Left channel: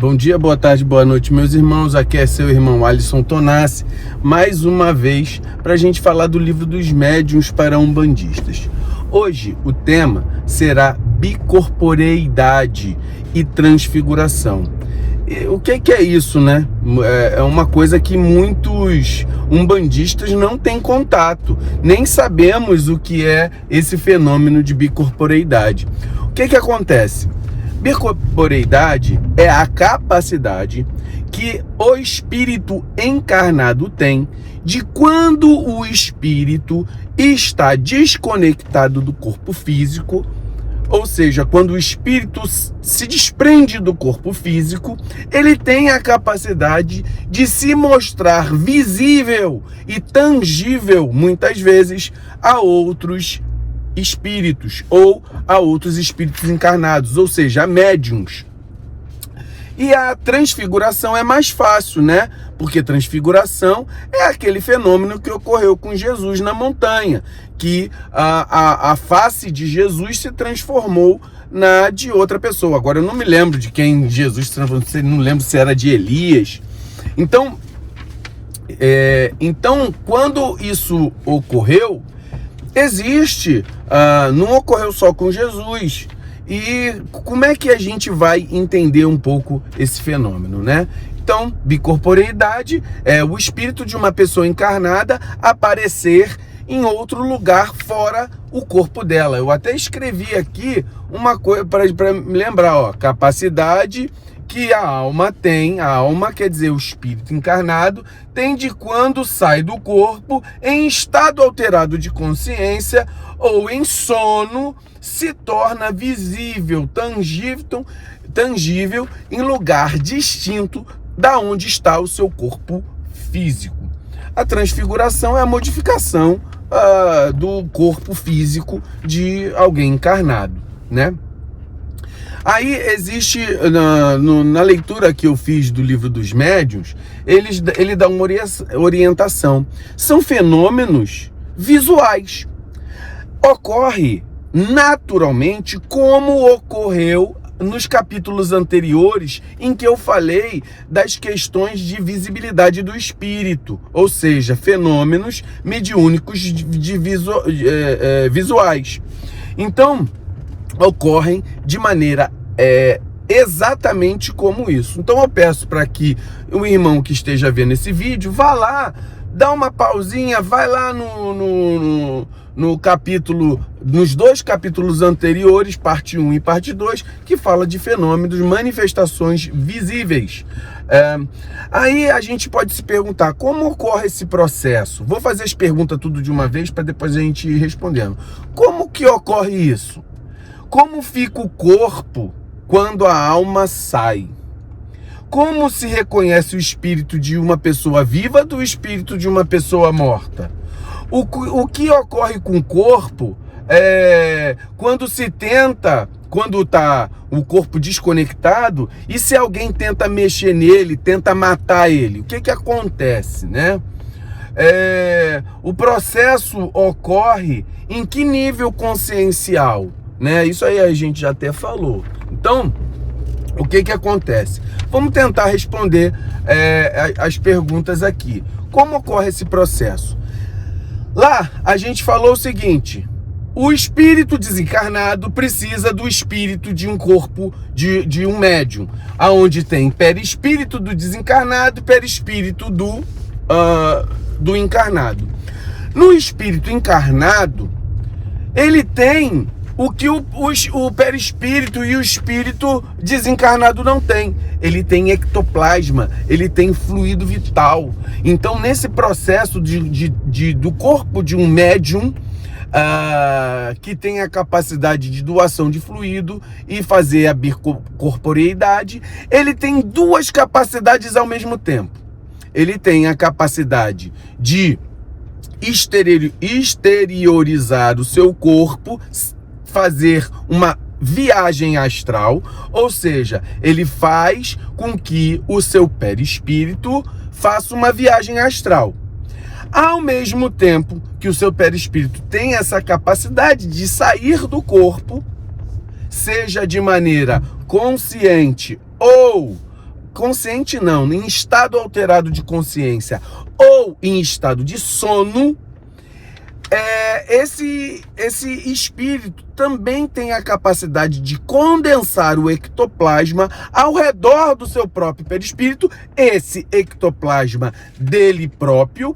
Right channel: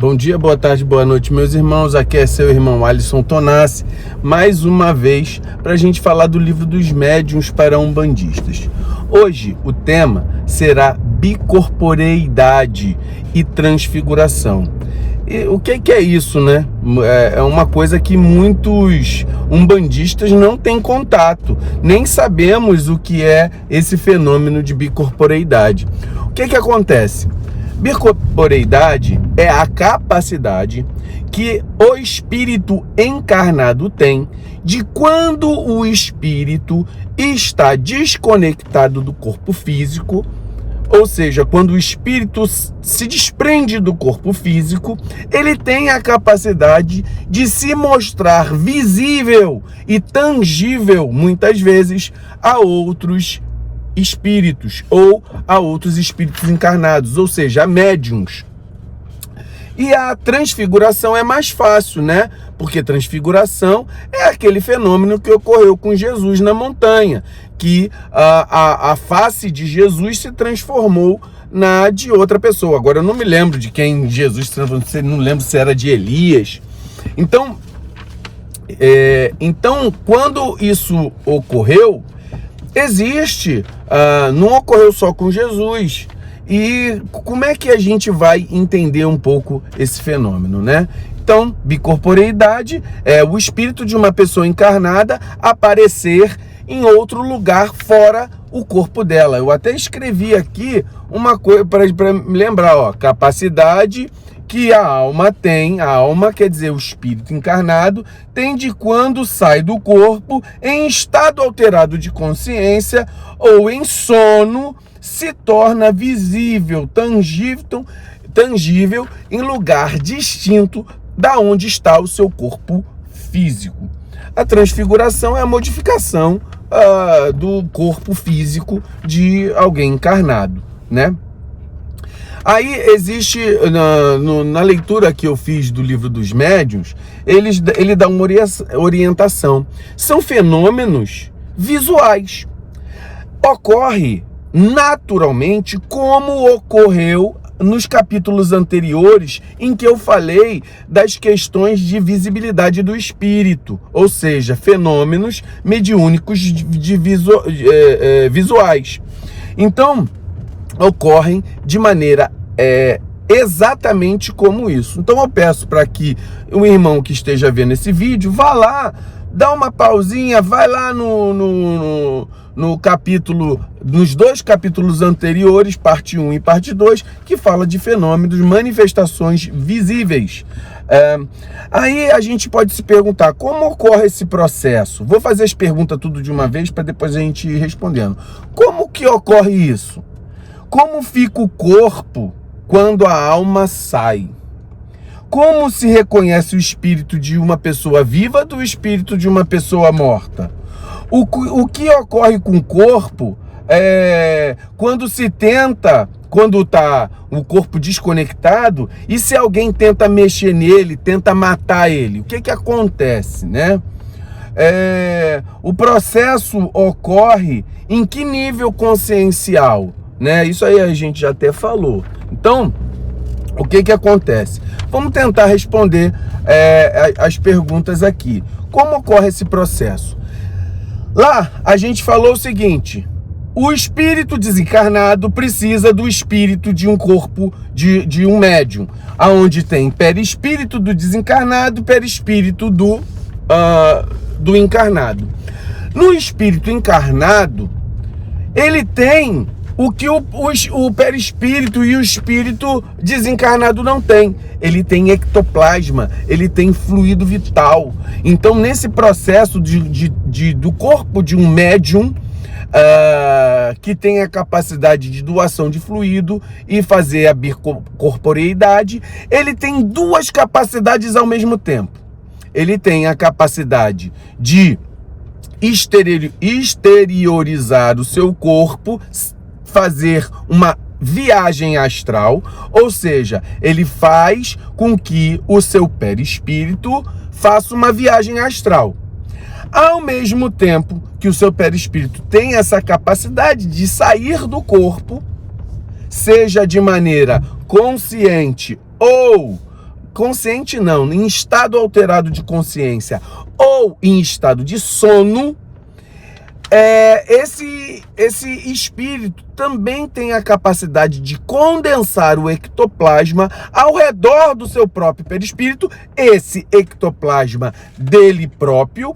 Bom dia, boa tarde, boa noite, meus irmãos. Aqui é seu irmão Alisson Tonassi, mais uma vez para a gente falar do livro dos médiuns para umbandistas. Hoje o tema será bicorporeidade e transfiguração. E o que é isso, né? É uma coisa que muitos umbandistas não têm contato, nem sabemos o que é esse fenômeno de bicorporeidade. O que acontece? Bicorporeidade é a capacidade que o espírito encarnado tem de, quando o espírito está desconectado do corpo físico, ou seja, quando o espírito se desprende do corpo físico, ele tem a capacidade de se mostrar visível e tangível, muitas vezes, a outros espíritos ou a outros espíritos encarnados, ou seja, a médiuns. E a transfiguração é mais fácil, né? Porque transfiguração é aquele fenômeno que ocorreu com Jesus na montanha, que a face de Jesus se transformou na de outra pessoa. Agora eu não me lembro de quem Jesus se transformou, não lembro se era de Elias. Então, quando isso ocorreu, existe, não ocorreu só com Jesus. E como é que a gente vai entender um pouco esse fenômeno, né? Então, bicorporeidade é o espírito de uma pessoa encarnada aparecer em outro lugar fora o corpo dela. Eu até escrevi aqui uma coisa para me lembrar, ó, capacidade que a alma tem, a alma quer dizer o espírito encarnado, tem de, quando sai do corpo, em estado alterado de consciência ou em sono, se torna visível, tangível em lugar distinto da onde está o seu corpo físico. A transfiguração é a modificação do corpo físico de alguém encarnado, né? Aí existe, na leitura que eu fiz do livro dos médiuns, ele dá uma orientação. São fenômenos visuais. Ocorre naturalmente como ocorreu nos capítulos anteriores, em que eu falei das questões de visibilidade do espírito, ou seja, fenômenos mediúnicos visuais. Então, ocorrem de maneira exatamente como isso. Então eu peço para que o irmão que esteja vendo esse vídeo vá lá, dá uma pausinha, vai lá no capítulo, nos dois capítulos anteriores, parte 1 e parte 2, que fala de fenômenos, manifestações visíveis. Aí a gente pode se perguntar, como ocorre esse processo? Vou fazer as perguntas tudo de uma vez para depois a gente ir respondendo. Como que ocorre isso? Como fica o corpo quando a alma sai? Como se reconhece o espírito de uma pessoa viva do espírito de uma pessoa morta? O que ocorre com o corpo quando se tenta, quando está o corpo desconectado, e se alguém tenta mexer nele, tenta matar ele? O que acontece, né? O processo ocorre em que nível consciencial? Né? Isso aí a gente já até falou. Então, o que acontece? Vamos tentar responder as perguntas aqui. Como ocorre esse processo? Lá, a gente falou o seguinte: o espírito desencarnado precisa do espírito de um corpo de um médium, aonde tem perispírito do desencarnado, perispírito do encarnado. No espírito encarnado, ele tem o que o perispírito e o espírito desencarnado não tem. Ele tem ectoplasma, ele tem fluido vital. Então, nesse processo do corpo de um médium, que tem a capacidade de doação de fluido e fazer a bicorporeidade, ele tem duas capacidades ao mesmo tempo. Ele tem a capacidade de exteriorizar o seu corpo, fazer uma viagem astral, ou seja, ele faz com que o seu perispírito faça uma viagem astral. Ao mesmo tempo que o seu perispírito tem essa capacidade de sair do corpo, seja de maneira consciente ou consciente não, em estado alterado de consciência ou em estado de sono, esse espírito também tem a capacidade de condensar o ectoplasma ao redor do seu próprio perispírito, esse ectoplasma dele próprio,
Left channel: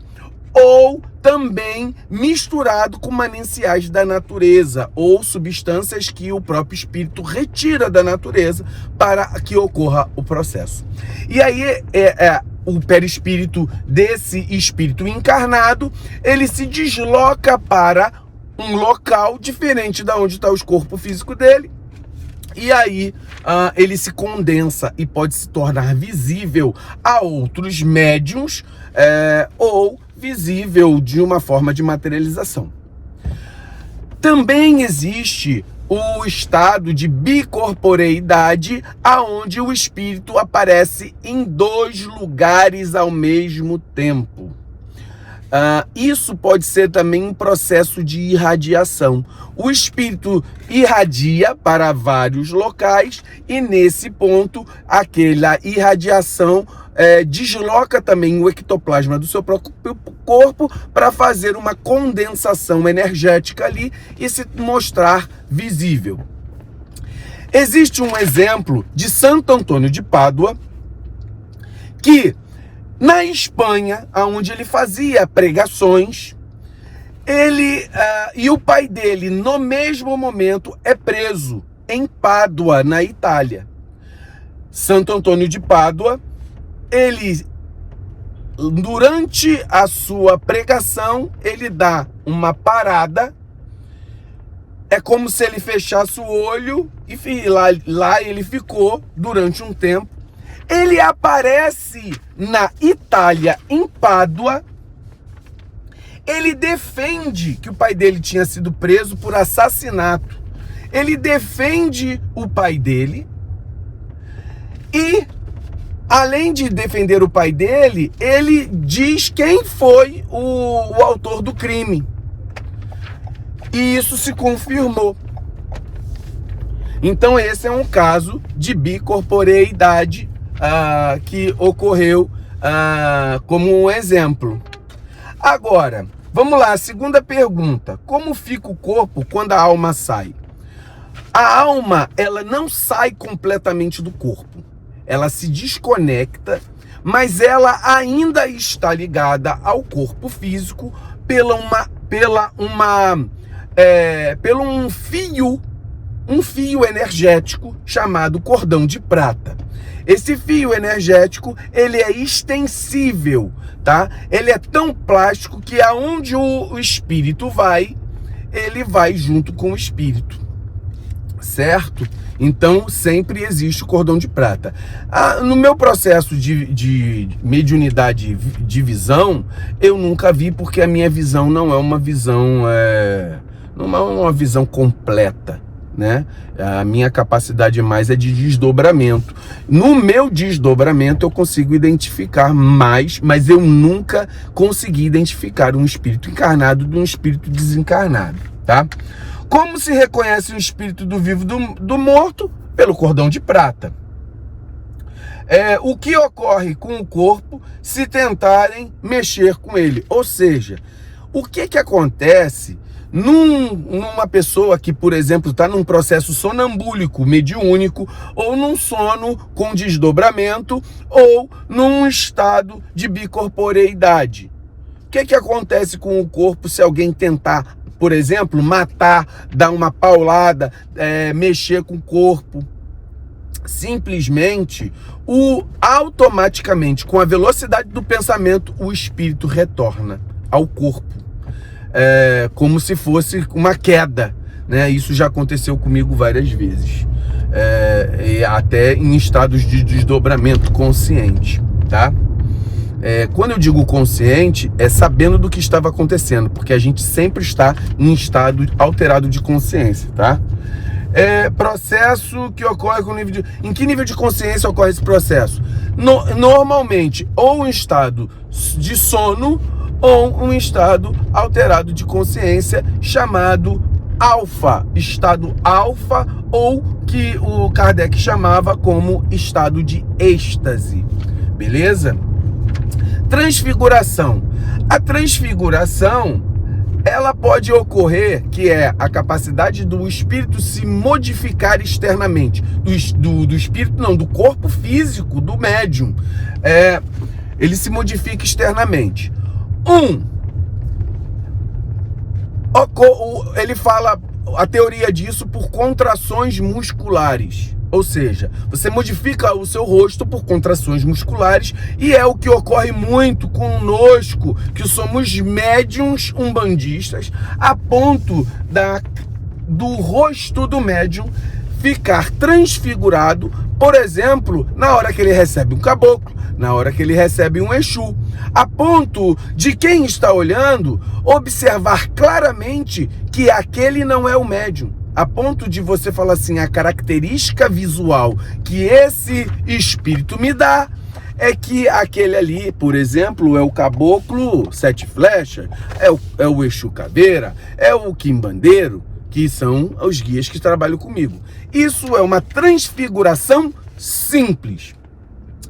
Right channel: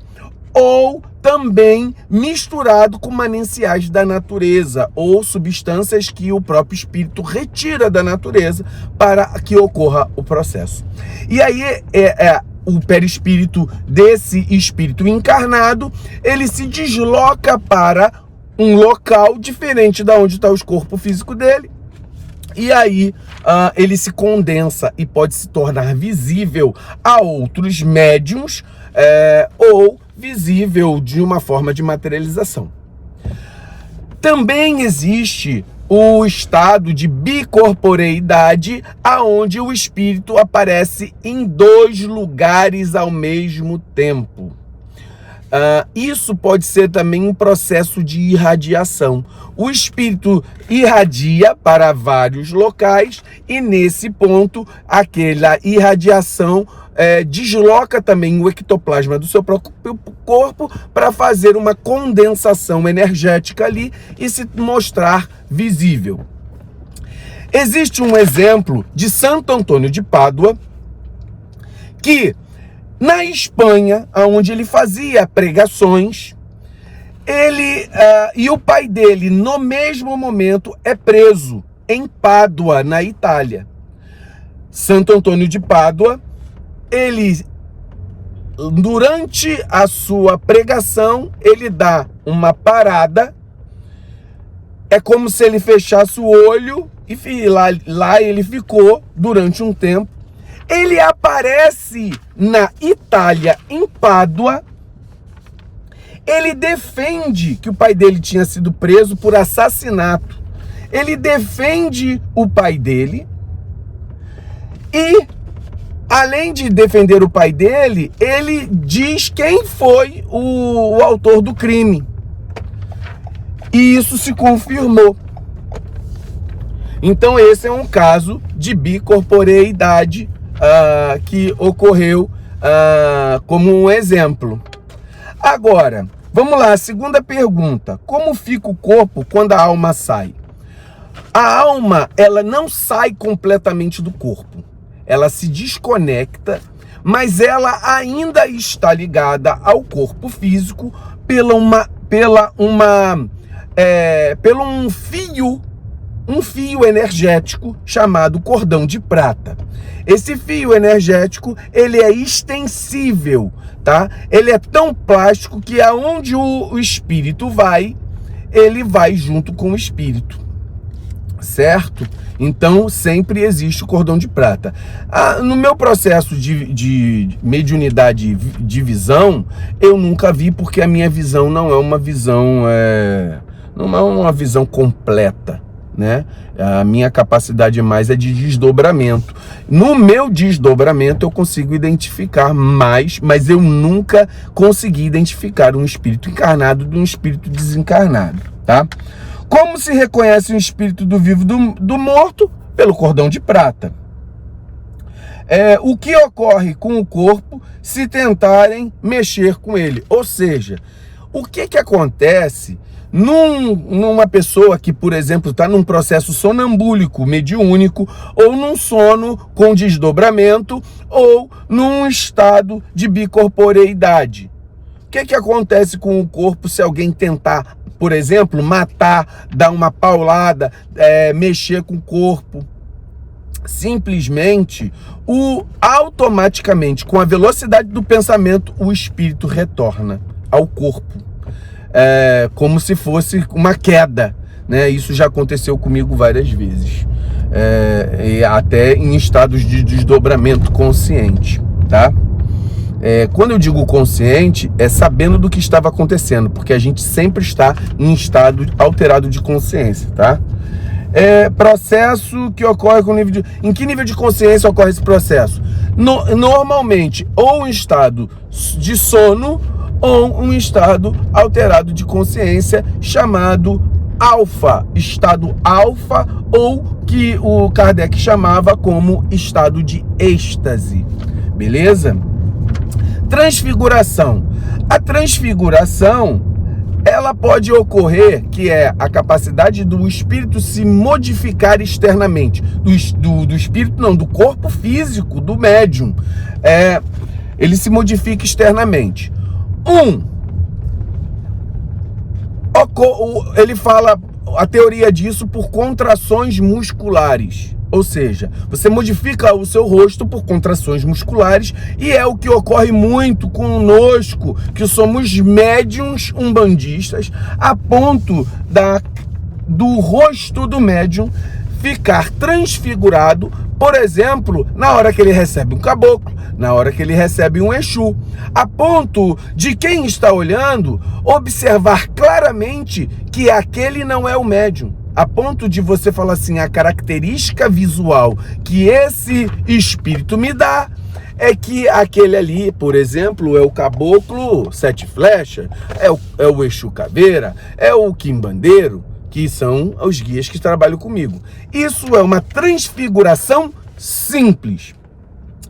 ou também misturado com mananciais da natureza ou substâncias que o próprio espírito retira da natureza para que ocorra o processo. E aí o perispírito desse espírito encarnado, ele se desloca para um local diferente da onde está o corpo físico dele, e aí ele se condensa e pode se tornar visível a outros médiuns, ou visível de uma forma de materialização. Também existe o estado de bicorporeidade, aonde o espírito aparece em 2 lugares ao mesmo tempo. Isso pode ser também um processo de irradiação. O espírito irradia para vários locais e nesse ponto aquela irradiação desloca também o ectoplasma do seu próprio corpo para fazer uma condensação energética ali e se mostrar visível. Existe um exemplo de Santo Antônio de Pádua, que na Espanha, onde ele fazia pregações, ele e o pai dele, no mesmo momento, é preso em Pádua, na Itália. Santo Antônio de Pádua, ele, durante a sua pregação, ele dá uma parada, é como se ele fechasse o olho, e lá ele ficou durante um tempo. Ele aparece na Itália, em Pádua. Ele defende que o pai dele tinha sido preso por assassinato. Ele defende o pai dele e, além de defender o pai dele, ele diz quem foi o autor do crime. E isso se confirmou. Então esse é um caso de bicorporeidade que ocorreu como um exemplo. Agora, vamos lá, a segunda pergunta. Como fica o corpo quando a alma sai? A alma, ela não sai completamente do corpo. Ela se desconecta, mas ela ainda está ligada ao corpo físico pelo um fio energético chamado cordão de prata. Esse fio energético, ele é extensível, tá? Ele é tão plástico que aonde o espírito vai, ele vai junto com o espírito, certo? Então, sempre existe o cordão de prata. No meu processo de mediunidade de visão, eu nunca vi, porque a minha visão não é uma visão, não é uma visão completa, né? A minha capacidade mais é de desdobramento. No meu desdobramento eu consigo identificar mais, mas eu nunca consegui identificar um espírito encarnado de um espírito desencarnado, tá? Como se reconhece um espírito do vivo do morto? Pelo cordão de prata. O que ocorre com o corpo se tentarem mexer com ele? Ou seja, o que acontece numa pessoa que, por exemplo, está num processo sonambúlico, mediúnico, ou num sono com desdobramento, ou num estado de bicorporeidade? O que acontece com o corpo se alguém tentar, por exemplo, matar, dar uma paulada, mexer com o corpo? Simplesmente, automaticamente, com a velocidade do pensamento, o espírito retorna ao corpo. Como se fosse uma queda, né? Isso já aconteceu comigo várias vezes, e até em estados de desdobramento consciente, tá? Quando eu digo consciente, é sabendo do que estava acontecendo, porque a gente sempre está em estado alterado de consciência, tá? Processo que ocorre com nível de... Em que nível de consciência ocorre esse processo? Normalmente, ou em estado de sono, ou um estado alterado de consciência chamado alfa, ou que o Kardec chamava como estado de êxtase, beleza? Transfiguração. A transfiguração, ela pode ocorrer, que é a capacidade do espírito se modificar externamente, do espírito não, do corpo físico, do médium, ele se modifica externamente. Ele fala a teoria disso por contrações musculares. Ou seja, você modifica o seu rosto por contrações musculares, e é o que ocorre muito conosco, que somos médiums umbandistas, a ponto do rosto do médium ficar transfigurado, por exemplo, na hora que ele recebe um caboclo, na hora que ele recebe um Exu, a ponto de quem está olhando observar claramente que aquele não é o médium. A ponto de você falar assim, a característica visual que esse espírito me dá é que aquele ali, por exemplo, é o caboclo sete flechas, é o Exu caveira, é o quimbandeiro, que são os guias que trabalham comigo. Isso é uma transfiguração simples.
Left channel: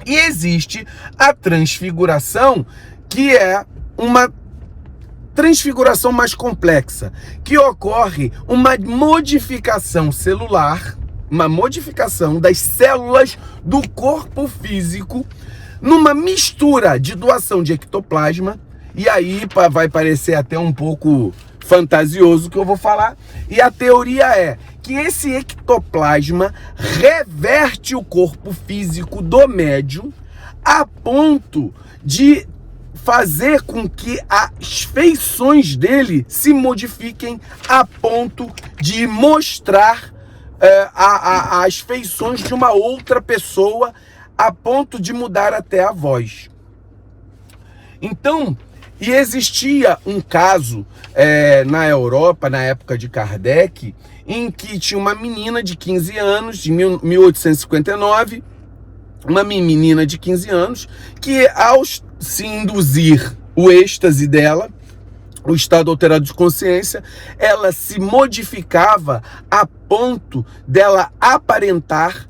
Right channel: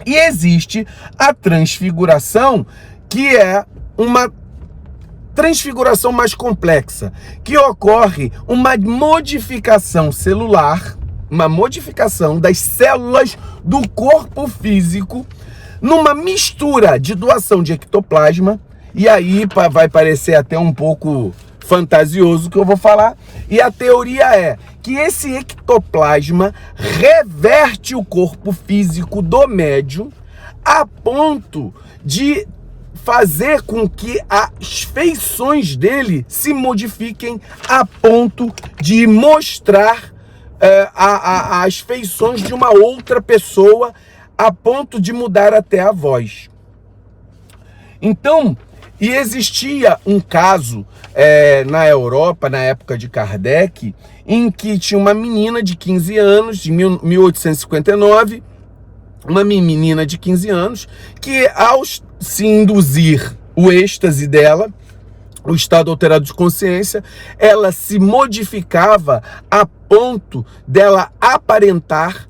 E existe a transfiguração, que é uma transfiguração mais complexa, que ocorre uma modificação celular, uma modificação das células do corpo físico, numa mistura de doação de ectoplasma, e aí vai parecer até um pouco fantasioso o que eu vou falar, e a teoria é que esse ectoplasma reverte o corpo físico do médium a ponto de fazer com que as feições dele se modifiquem a ponto de mostrar as feições de uma outra pessoa, a ponto de mudar até a voz. Então, e existia um caso na Europa, na época de Kardec, em que tinha uma menina de 15 anos, de 1859, uma menina de 15 anos, que ao se induzir o êxtase dela, o estado alterado de consciência, ela se modificava a ponto dela aparentar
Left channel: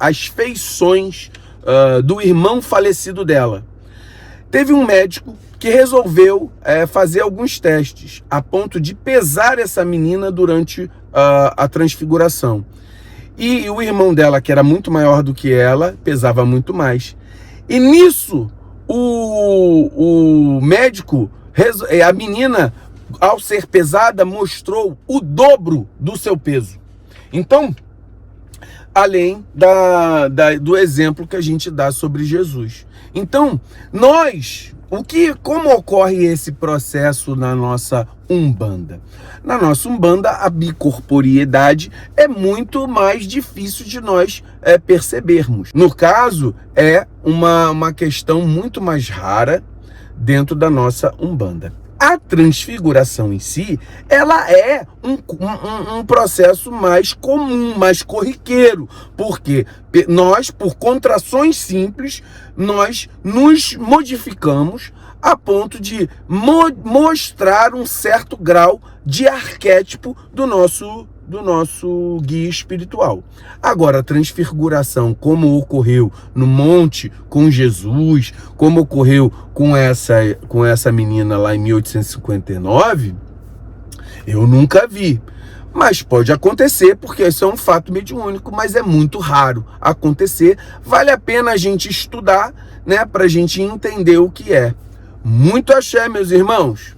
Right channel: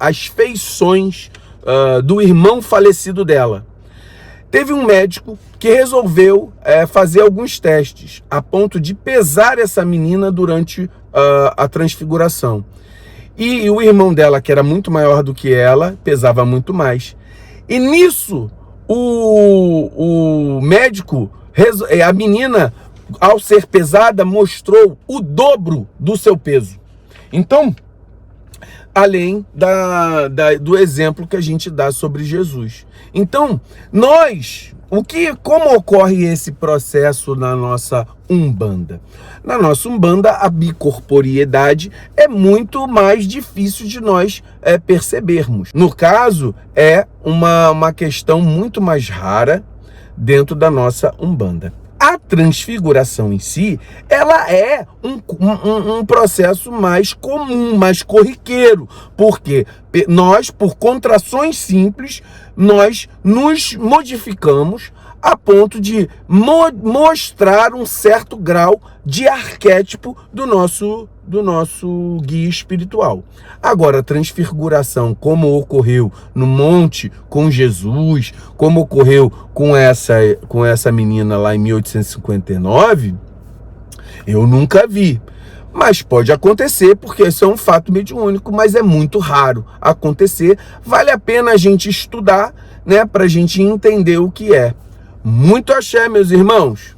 as feições do irmão falecido dela. Teve um médico que resolveu fazer alguns testes, a ponto de pesar essa menina durante a transfiguração. E o irmão dela, que era muito maior do que ela, pesava muito mais. E nisso, o médico, a menina, ao ser pesada, mostrou o dobro do seu peso. Então, além do exemplo que a gente dá sobre Jesus. Então, como ocorre esse processo na nossa Umbanda? Na nossa Umbanda, a bicorporiedade é muito mais difícil de nós percebermos. No caso, é uma questão muito mais rara dentro da nossa Umbanda. A transfiguração em si, ela é um processo mais comum, mais corriqueiro, porque nós, por contrações simples, nós nos modificamos a ponto de mostrar um certo grau de arquétipo do nosso guia espiritual. Agora, a transfiguração, como ocorreu no monte com Jesus, como ocorreu com essa menina lá em 1859, eu nunca vi. Mas pode acontecer, porque isso é um fato mediúnico, mas é muito raro acontecer. Vale a pena a gente estudar, né, para a gente entender o que é. Muito axé, meus irmãos.